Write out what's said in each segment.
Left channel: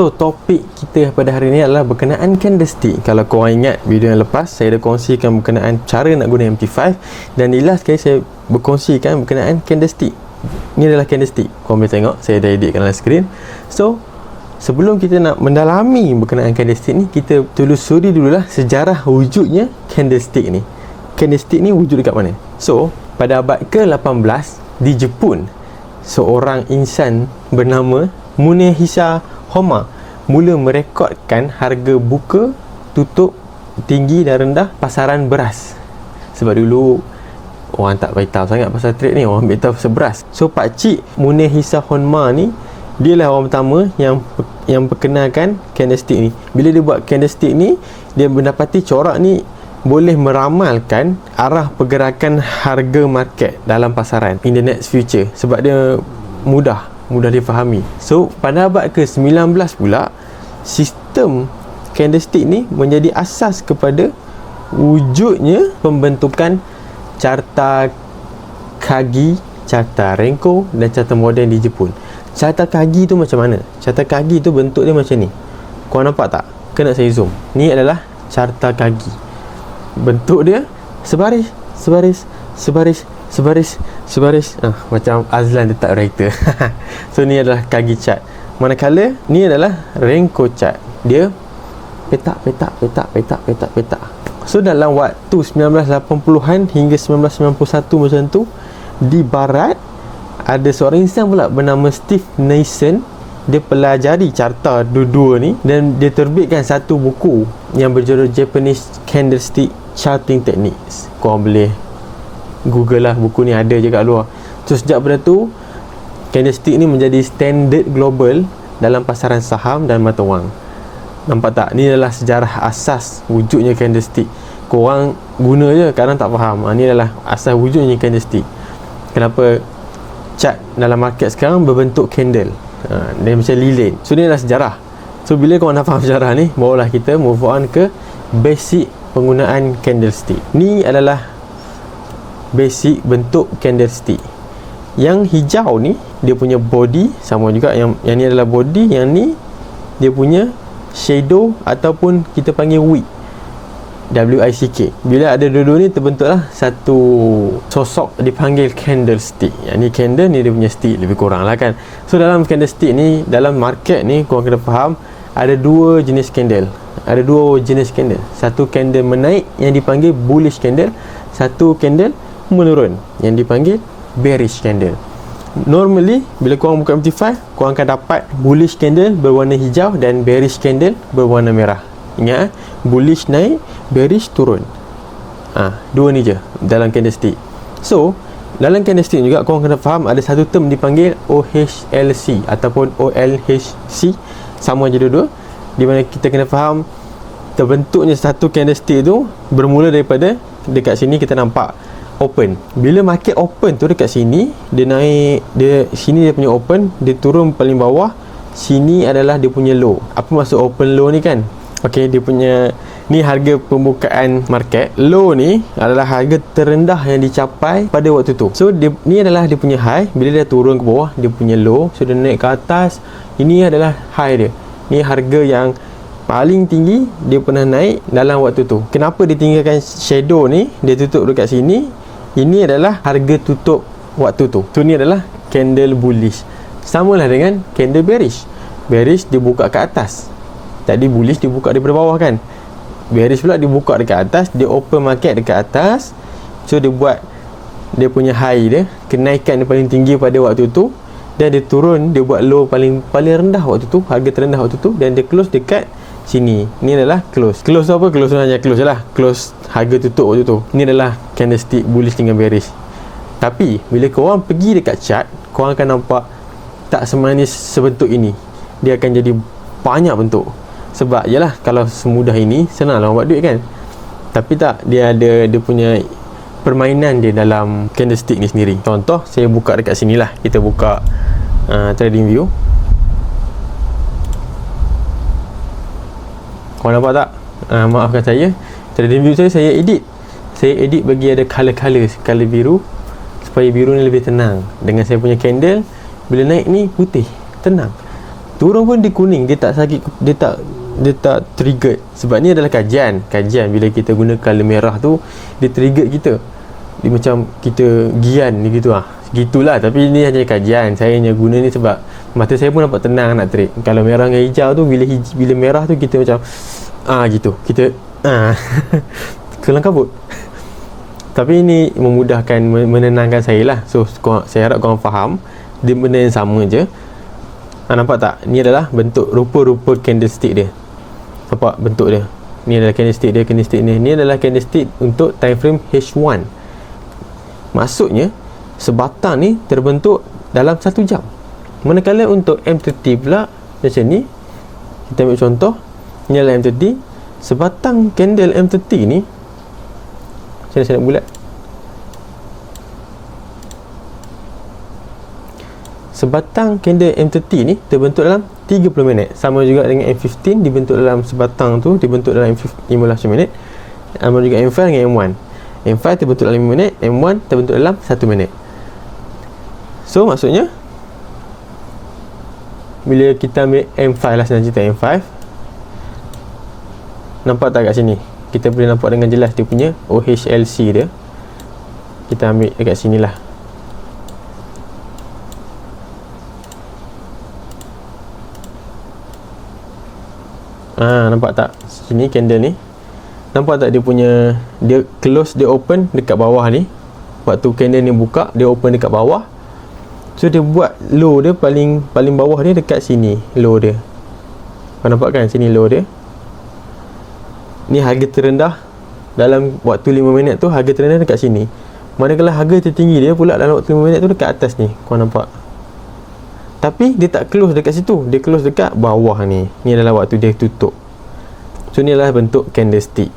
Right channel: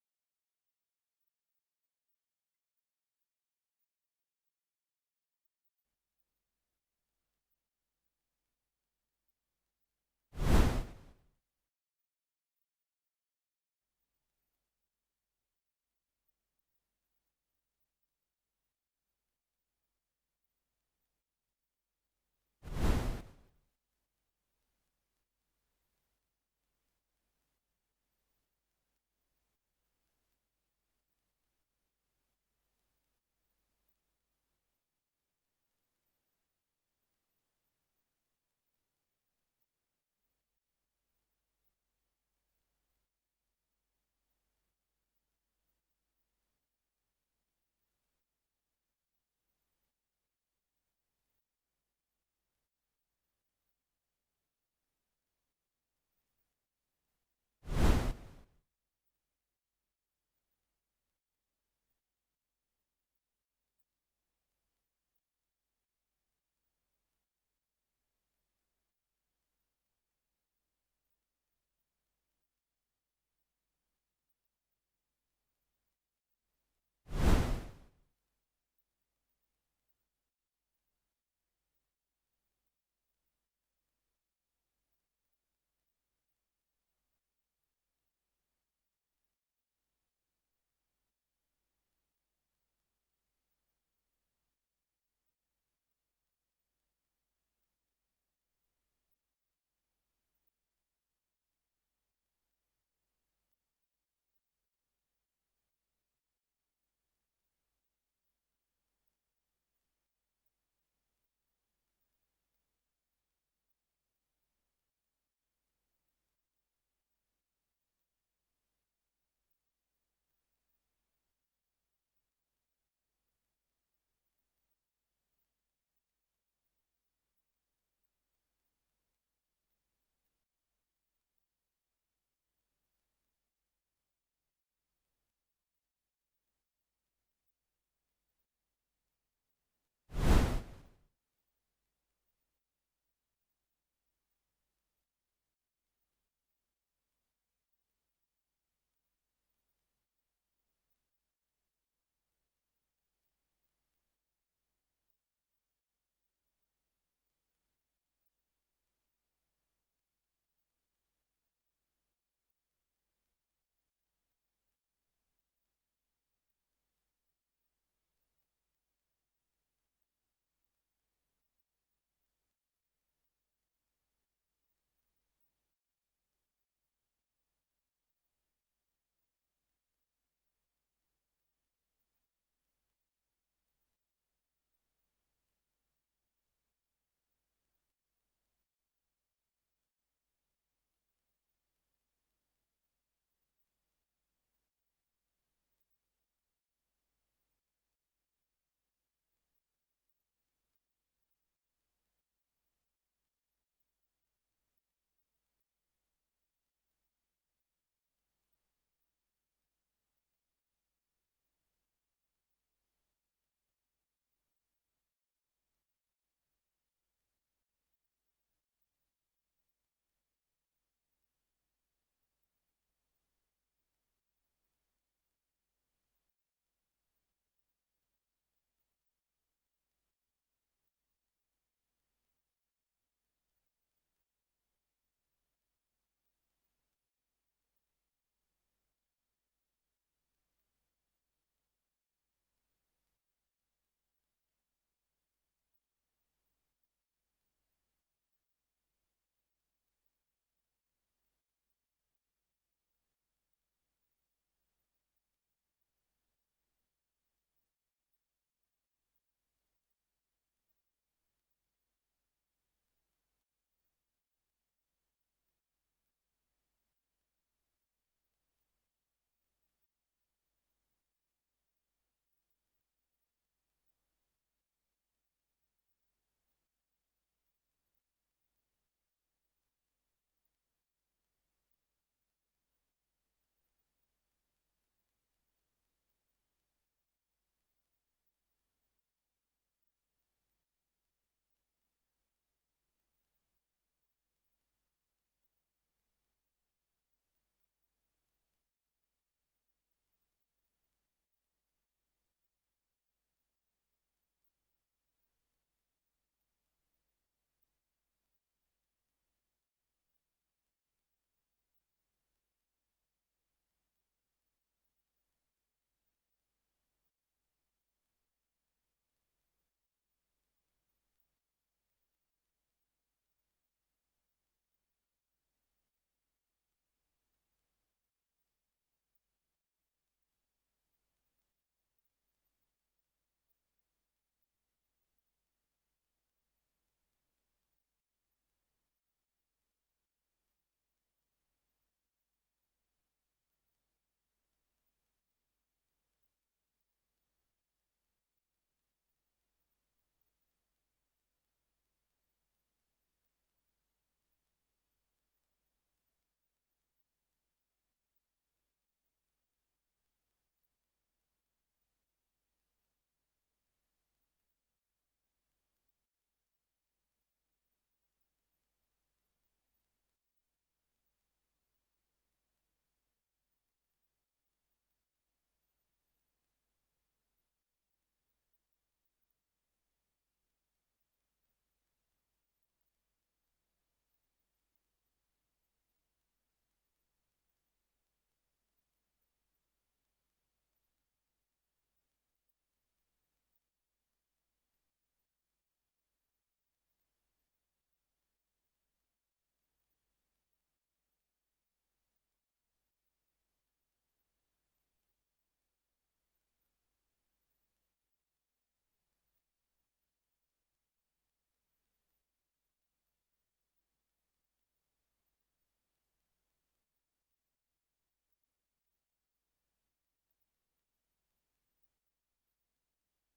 So topik kita pada hari ini adalah berkenaan candlestick. Kalau korang ingat video yang lepas, saya dah kongsikan berkenaan cara nak guna MT5, dan di last kali saya berkongsikan berkenaan candlestick. Ini adalah candlestick. Korang boleh tengok, saya dah editkan dalam skrin. So sebelum kita nak mendalami berkenaan candlestick ni, kita telusuri dululah sejarah wujudnya candlestick ni. Candlestick ni wujud dekat mana? So pada abad ke-18 di Jepun, seorang insan bernama Munehisa Honma mula merekodkan harga buka, tutup, tinggi dan rendah pasaran beras. Sebab dulu orang tak beritahu sangat pasal trade ni, orang beritahu pasal beras. So pakcik Munehisa Honma ni, dia lah orang pertama yang perkenalkan candlestick ni. Bila dia buat candlestick ni, dia mendapati corak ni boleh meramalkan arah pergerakan harga market dalam pasaran in the next future, sebab dia mudah difahami. So pada abad ke-19 pula, sistem candlestick ni menjadi asas kepada wujudnya pembentukan carta Kagi, carta Renko dan carta moden di Jepun. Carta Kagi tu macam mana? Carta Kagi tu bentuk dia macam ni. Korang nampak tak? Kena saya zoom. Ni adalah carta Kagi. Bentuk dia sebaris. Macam Azlan letak writer. So ni adalah Kagi chart. Manakala ni adalah Renko chart. Dia petak. So dalam waktu 1980-an hingga 1991 macam tu, di barat ada seorang insan pula bernama Steve Nason. Dia pelajari carta dua-dua ni dan dia terbitkan satu buku yang berjudul Japanese Candlestick Charting Techniques. Korang boleh Google lah, buku ni ada je kat luar. So sejak pada tu, candlestick ni menjadi standard global dalam pasaran saham dan mata wang. Nampak tak? Ni adalah sejarah asas wujudnya candlestick. Korang guna je, kadang tak faham. Ni adalah asas wujudnya candlestick. Kenapa chart dalam market sekarang berbentuk candle, dia macam lilin. So ni adalah sejarah. So bila korang dah faham sejarah ni, barulah kita move on ke basic penggunaan candlestick. Ni adalah basic bentuk candlestick. Yang hijau ni dia punya body, sama juga yang ni adalah body, yang ni dia punya shadow ataupun kita panggil wick, WICK. Bila ada dua-dua ni terbentuklah satu sosok dipanggil candlestick. Yang ni candle, ni dia punya stick, lebih kurang lah kan. So dalam candlestick ni, dalam market ni, korang kena faham ada dua jenis candle. Satu candle menaik yang dipanggil bullish candle, satu candle menurun yang dipanggil bearish candle. Normally bila korang buka MT5, korang akan dapat bullish candle berwarna hijau dan bearish candle berwarna merah. Ingat, bullish naik, bearish turun. Dua ni je dalam candlestick. So dalam candlestick juga korang kena faham ada satu term dipanggil OHLC ataupun OLHC. Sama je dua-dua, di mana kita kena faham terbentuknya satu candlestick tu bermula daripada dekat sini kita nampak open. Bila market open tu dekat sini, dia naik, sini dia punya open, dia turun paling bawah, sini adalah dia punya low. Apa maksud open low ni kan? Okey, dia punya ni harga pembukaan market. Low ni adalah harga terendah yang dicapai pada waktu tu. So ni adalah dia punya high. Bila dia turun ke bawah, dia punya low. So dia naik ke atas, ini adalah high dia. Ni harga yang paling tinggi dia pernah naik dalam waktu tu. Kenapa dia tinggalkan shadow ni, dia tutup dekat sini? Ini adalah harga tutup waktu tu. So ni adalah candle bullish. Samalah dengan candle bearish. Bearish dia buka ke atas. Tadi bullish dia buka daripada bawah kan. Bearish pula dia buka dekat atas, dia open market dekat atas. So dia buat dia punya high dia, kenaikan dia paling tinggi pada waktu tu, dan dia turun, dia buat low paling rendah waktu tu, harga terendah waktu tu, dan dia close dekat sini. Ni adalah close. Close tu apa? Close tu hanya close je lah. Close harga tutup waktu tu. Ni adalah candlestick bullish dengan bearish. Tapi bila korang pergi dekat chart, korang akan nampak tak semanis sebentuk ini. Dia akan jadi banyak bentuk. Sebab yalah, kalau semudah ini senanglah buat duit kan. Tapi tak, dia ada dia punya permainan dia dalam candlestick ni sendiri. Contoh, saya buka dekat sini lah. Kita buka trading view. Korang nampak tak? Maafkan saya, trading view saya edit. Saya edit bagi ada color biru, supaya biru ni lebih tenang. Dengan saya punya candle, bila naik ni putih, tenang. turun pun dia kuning, dia tak sakit, dia tak trigger. Sebab ni adalah kajian bila kita guna color merah tu, dia trigger kita, dia macam kita gian ni gitu lah. Gitulah, tapi ni hanya kajian. Saya hanya guna ni sebab mata saya pun nampak tenang nak trade. Kalau merah dengan hijau tu, bila merah tu kita macam gitu, kita kelang kabut. Tapi ini memudahkan, menenangkan saya lah. So saya harap korang faham, dia benda yang sama je. Nampak tak? Ni adalah bentuk rupa-rupa candlestick dia. Nampak bentuk dia? Ni adalah candlestick dia, candlestick ni. Ni adalah candlestick untuk time frame H1. Maksudnya sebatang ni terbentuk dalam 1 jam. Manakala untuk M30 pula macam ni. Kita ambil contoh, ni adalah M30. Sebatang candle M30 ni, macam mana saya nak bulat? Sebatang candle M30 ni terbentuk dalam 30 minit. Sama juga dengan M15 dibentuk dalam sebatang tu, dibentuk dalam 15 minit. Sama juga M5 dengan M1. M5 terbentuk dalam 5 minit, M1 terbentuk dalam 1 minit. So maksudnya bila kita ambil M5 lah, senang cerita M5, nampak tak kat sini? Kita boleh nampak dengan jelas dia punya OHLC dia. Kita ambil dekat sini lah. Nampak tak? Sini candle ni. Nampak tak dia punya, dia close, dia open dekat bawah ni. Waktu candle ni buka, dia open dekat bawah. So dia buat low dia paling bawah ni dekat sini, low dia. Kau nampak kan sini low dia. Ni harga terendah dalam waktu 5 minit tu, harga terendah dekat sini. Manakala harga tertinggi dia pula dalam waktu 5 minit tu dekat atas ni. Kau nampak? Tapi dia tak close dekat situ, dia close dekat bawah ni. Ni adalah waktu dia tutup. So ni adalah bentuk candlestick.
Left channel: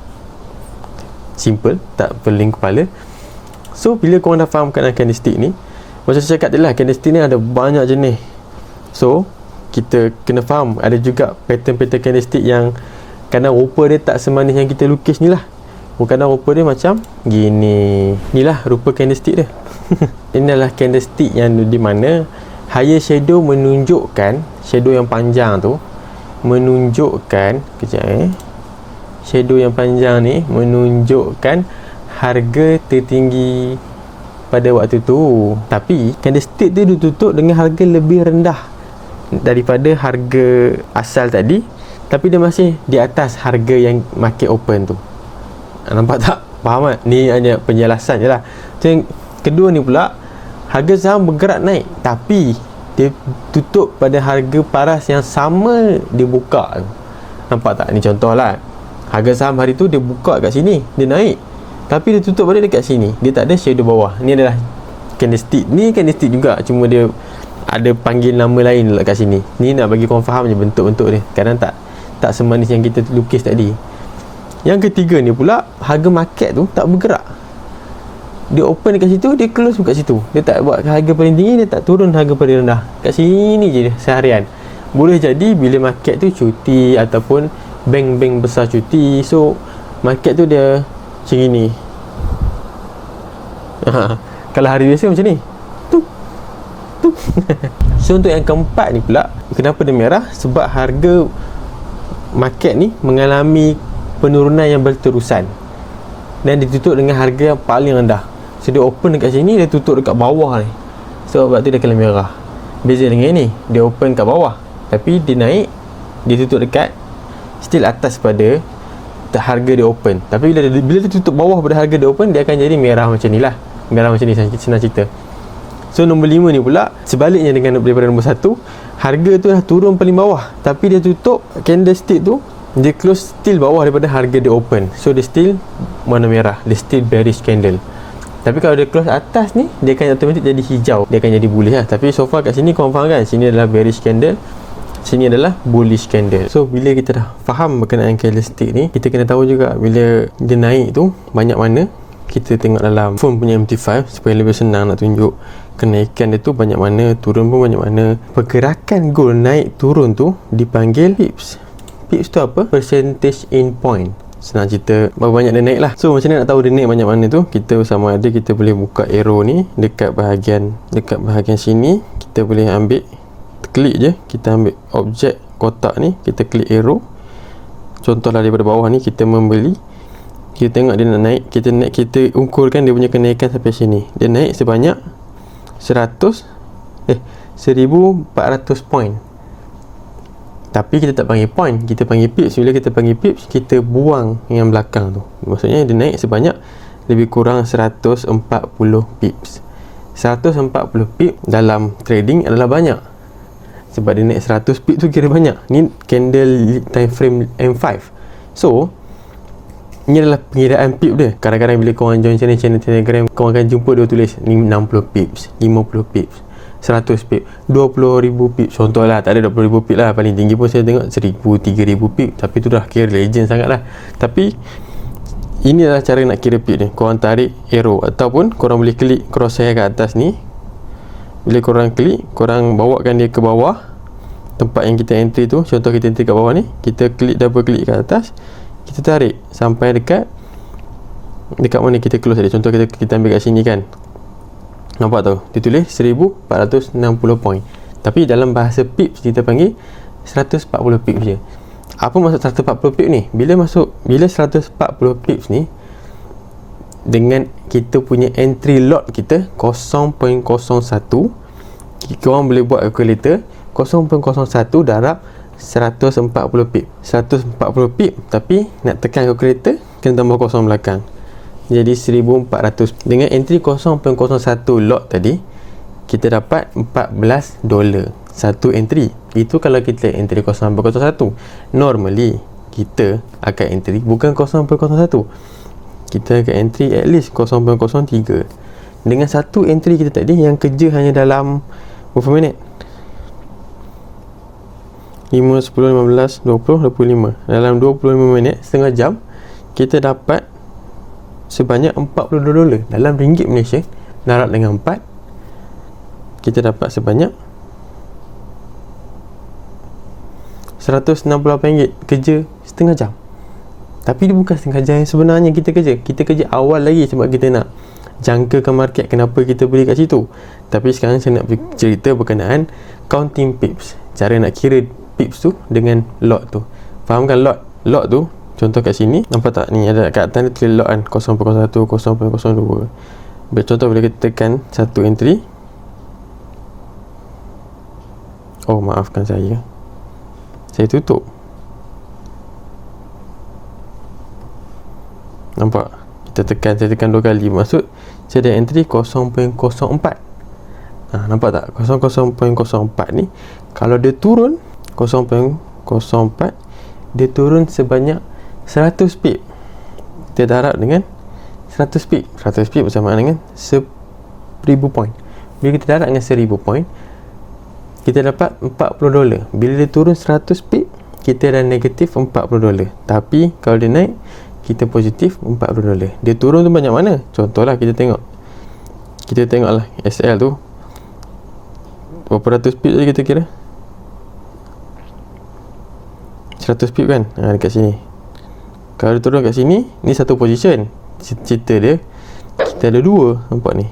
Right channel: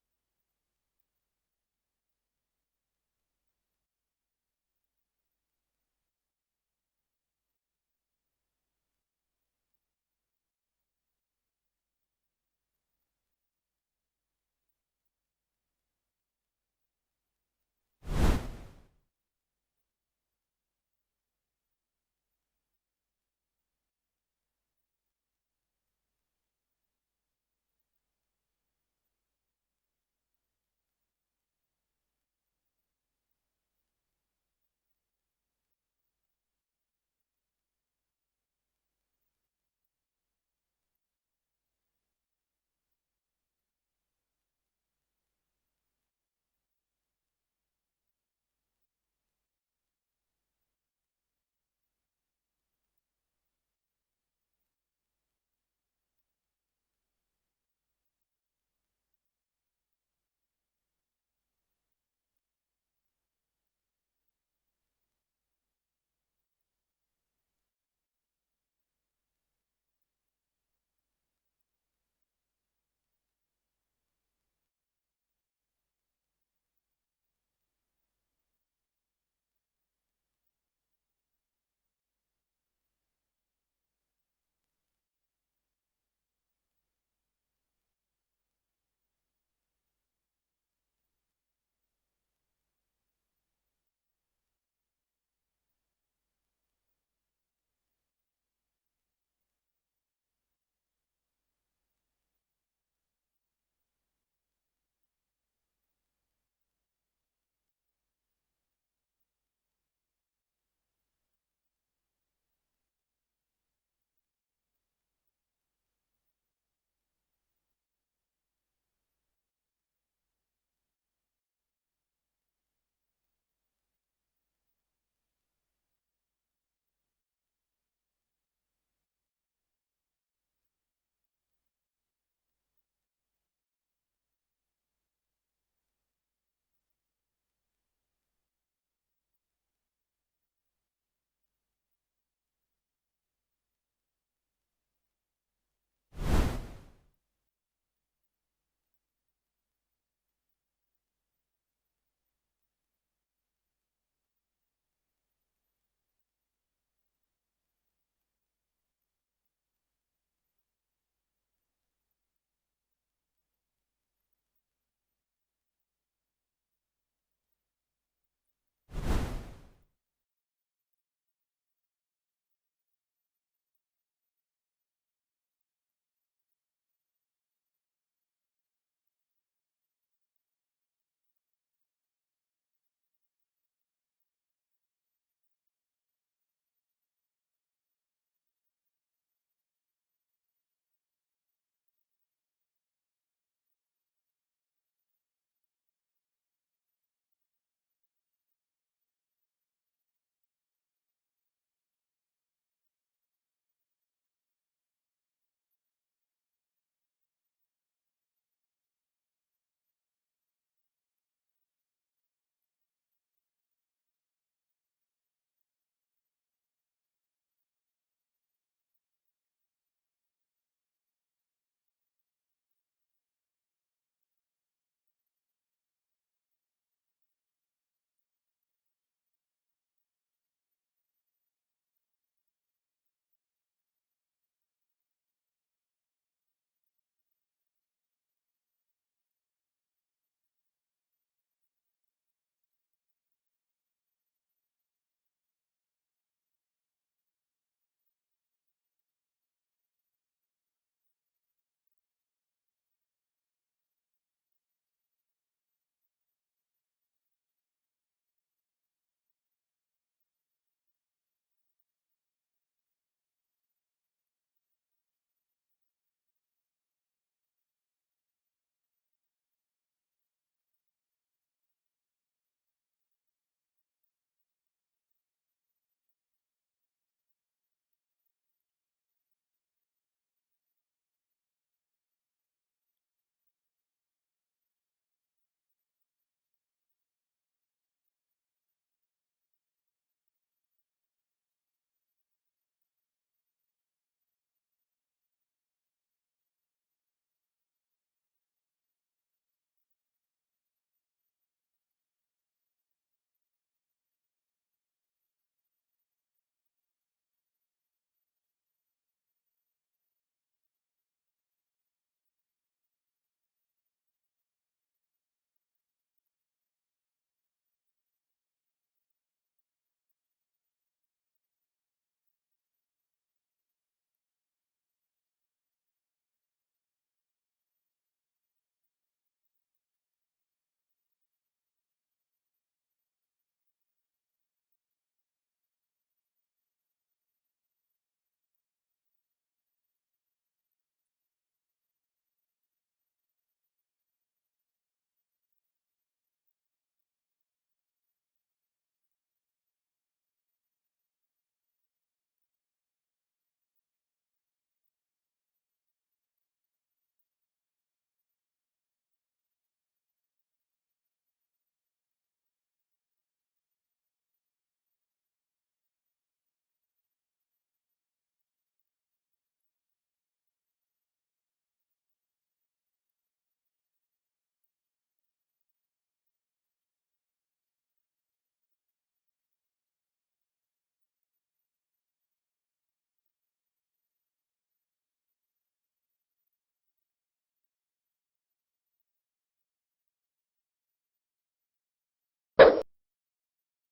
Simple, tak pening kepala. So bila korang dah faham kan candlestick ni, macam saya cakap tadi lah, candlestick ni ada banyak jenis. So kita kena faham, ada juga pattern-pattern candlestick yang kadang rupa dia tak semanis yang kita lukis ni lah. Kadang rupa dia macam gini. Inilah rupa candlestick dia. Ini adalah candlestick yang di mana higher shadow menunjukkan, shadow yang panjang tu menunjukkan, shadow yang panjang ni menunjukkan harga tertinggi pada waktu tu. Tapi candlestick tu ditutup dengan harga lebih rendah daripada harga asal tadi, tapi dia masih di atas harga yang market open tu. Nampak tak? Faham tak? Ni hanya penjelasan je lah. Yang kedua ni pula, harga saham bergerak naik, tapi dia tutup pada harga paras yang sama dia buka tu. Nampak tak? Ni contoh lah. Harga saham hari tu dia buka kat sini, dia naik, tapi dia tutup balik dekat sini, dia tak ada shadow bawah. Ni adalah candlestick. Ni candlestick juga, cuma dia ada panggil nama lain dekat sini. Ni nak bagi korang faham je bentuk-bentuk dia. Kadang tak semanis yang kita lukis tadi. Yang ketiga ni pula, harga market tu tak bergerak. Dia open dekat situ, dia close dekat situ. Dia tak buat harga paling tinggi, dia tak turun harga paling rendah. Kat sini je dia seharian. Boleh jadi bila market tu cuti ataupun bank-bank besar cuti, so market tu dia macam gini. Kalau hari biasa macam ni. So untuk yang keempat ni pula, kenapa dia merah? Sebab harga market ni mengalami penurunan yang berterusan dan ditutup dengan harga yang paling rendah. So dia open dekat sini, dia tutup dekat bawah ni. So sebab tu dia kena merah. Beza dengan ni, dia open kat bawah, tapi dia naik, dia tutup dekat still atas pada harga dia open. Tapi bila dia tutup bawah pada harga dia open, dia akan jadi merah macam ni lah. Merah macam ni, senang cerita. So nombor 5 ni pula, sebaliknya dengan daripada nombor 1, harga tu dah turun paling bawah, tapi dia tutup candlestick tu, dia close still bawah daripada harga dia open. So dia still warna merah, dia still bearish candle. Tapi kalau dia close atas ni, dia akan automatic jadi hijau, dia akan jadi bullish lah. Tapi so far kat sini korang faham kan, sini adalah bearish candle, sini adalah bullish candle. So bila kita dah faham berkenaan candlestick ni, kita kena tahu juga bila dia naik tu banyak mana. Kita tengok dalam phone punya MT5 supaya lebih senang nak tunjuk kenaikan dia tu banyak mana, turun pun banyak mana. Pergerakan gold naik turun tu dipanggil pips. Pips tu apa? Percentage in point. Senang cerita berapa banyak dia naik lah. So macam mana nak tahu dia naik banyak mana tu? Kita sama ada kita boleh buka arrow ni dekat bahagian sini, kita boleh ambil klik je, kita ambil objek kotak ni, kita klik arrow. Contohlah daripada bawah ni kita membeli, kita tengok dia nak naik, kita ukurkan dia punya kenaikan sampai sini. Dia naik sebanyak 1400 point. Tapi kita tak panggil point, kita panggil pips. Bila kita panggil pips, kita buang yang belakang tu. Maksudnya dia naik sebanyak lebih kurang 140 pips. 140 pips dalam trading adalah banyak. Sebab dia naik 100 pips tu kira banyak. Ni candle time frame M5. So, ini adalah pengiraan pip dia. Kadang-kadang bila korang join channel Telegram, korang akan jumpa dia tulis 60 pips, 50 pips, 100 pips, 20,000 pips. Contohlah, tak ada 20,000 pips lah. Paling tinggi pun saya tengok 1,000, 3,000 pips. Tapi tu dah kira legend sangat lah. Tapi ini adalah cara nak kira pip ni. Korang tarik arrow, ataupun korang boleh klik crosshair kat atas ni. Bila korang klik, korang bawakan dia ke bawah tempat yang kita entry tu. Contoh kita entry kat bawah ni, kita klik, double klik kat atas, kita tarik sampai dekat mana kita close tadi. Contoh kita ambil kat sini kan, nampak tu dia tulis 1460 point. Tapi dalam bahasa pips kita panggil 140 pips je. Apa maksud 140 pips ni? Bila 140 pips ni, dengan kita punya entry lot kita 0.01, korang boleh buat calculator. 0.01 darab 140 pip. 140 pip, tapi nak tekan calculator kena tambah kosong belakang. Jadi 1400. Dengan entry 0.01 lot tadi, kita dapat $14 satu entry. Itu kalau kita entry 0.01. Normally kita akan entry bukan 0.01, kita akan entry at least 0.03. Dengan satu entry kita tadi yang kerja hanya dalam berapa minit? 5, 10, 15, 20, 25. Dalam 25 minit, setengah jam, kita dapat sebanyak $42. Dalam ringgit Malaysia, darab dengan 4, kita dapat sebanyak RM168 kerja setengah jam. Tapi dia bukan setengah jam yang sebenarnya kita kerja. Kita kerja awal lagi sebab kita nak jangkakan market, kenapa kita beli kat situ. Tapi sekarang saya nak cerita berkenaan counting pips. Cara nak kira pips tu dengan lot tu. Fahamkan lot? Lot tu, contoh kat sini, nampak tak? Ni ada kat atas dia tulis lot kan, 0.01, 0.02. Contoh bila kita tekan satu entry. Oh, maafkan saya tutup. Nampak? Saya tekan 2 kali. Maksud saya ada entry 0.04. Nampak tak? 0.04 ni kalau dia turun 0.04, dia turun sebanyak 100 pip. Kita darab dengan 100 pip. 100 pip bersamaan dengan 1,000 point. Bila kita darab dengan 1,000 point, kita dapat $40. Bila dia turun 100 pip, kita dah negatif $40. Tapi kalau dia naik, kita positif $40. Dia turun tu banyak mana? Contohlah kita tengoklah SL tu berapa ratus pip tadi kita kira? 100 pip kan? Dekat sini. Kalau dia turun kat sini, ni satu position. Cerita dia, kita ada dua. Nampak ni?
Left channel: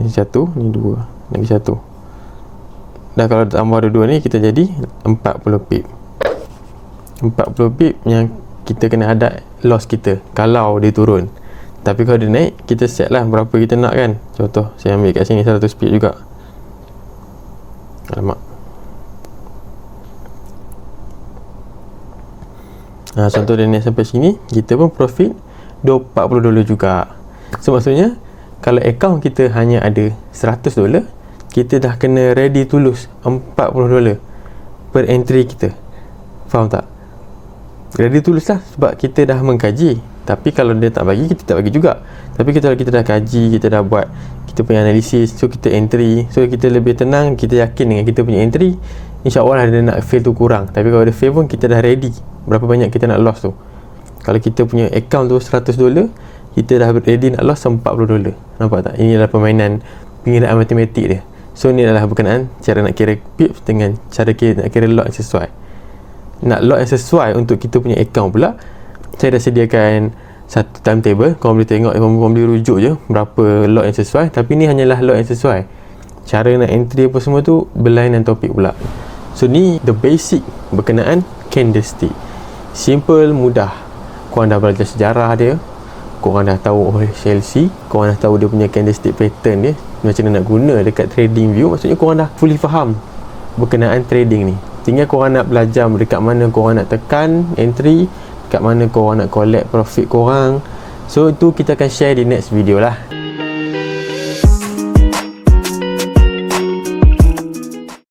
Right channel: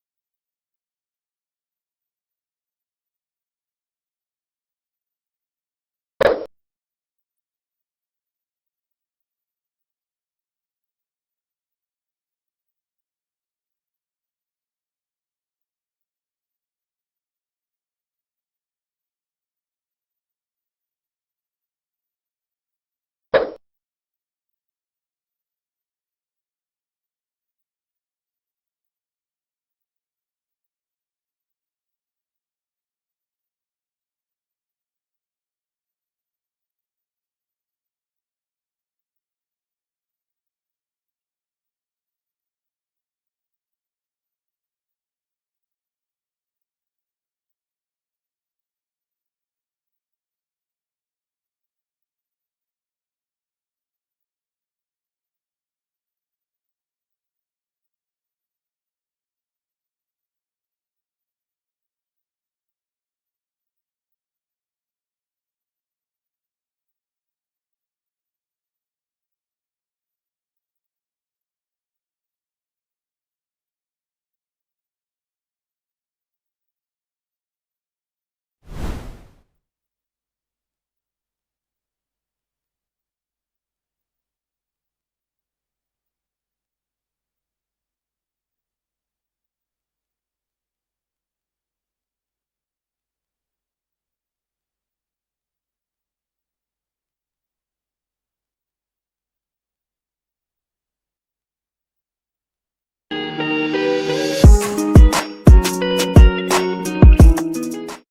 Ni satu, ni dua. Lagi satu. Dah kalau tambah dua-dua ni, kita jadi 40 pip. 40 pip yang kita kena ada loss kita kalau dia turun. Tapi kalau dia naik, kita set lah berapa kita nak kan. Contoh, saya ambil kat sini 100 pip juga. Alamak. Contoh dia naik sampai sini, kita pun profit $40 juga. So maksudnya, kalau account kita hanya ada $100, kita dah kena ready to lose $40 per entry kita. Faham tak? Ready to lose lah, sebab kita dah mengkaji. Tapi kalau dia tak bagi, kita tak bagi juga. Tapi kalau kita dah kaji, kita dah buat kita punya analisis, so kita entry, so kita lebih tenang, kita yakin dengan kita punya entry, InsyaAllah dia nak fail tu kurang. Tapi kalau dia fail pun kita dah ready berapa banyak kita nak loss tu. Kalau kita punya account tu $100, kita dah ready nak loss $40. Nampak tak? Ini adalah permainan pengiraan matematik dia. So ni adalah berkenaan cara nak kira pips dengan cara nak kira lot yang sesuai. Nak lot yang sesuai untuk kita punya account pula, saya dah sediakan satu timetable. Korang boleh tengok, korang boleh rujuk je berapa lot yang sesuai. Tapi ni hanyalah lot yang sesuai. cara nak entry apa semua tu berlainan topik pula. So ni the basic berkenaan candlestick. Simple, mudah. Korang dah belajar sejarah dia, korang dah tahu OHLC, korang dah tahu dia punya candlestick pattern dia, macam mana nak guna dekat trading view. Maksudnya korang dah fully faham berkenaan trading ni. Tinggal korang nak belajar dekat mana korang nak tekan entry, dekat mana korang nak collect profit korang. So itu kita akan share di next video lah.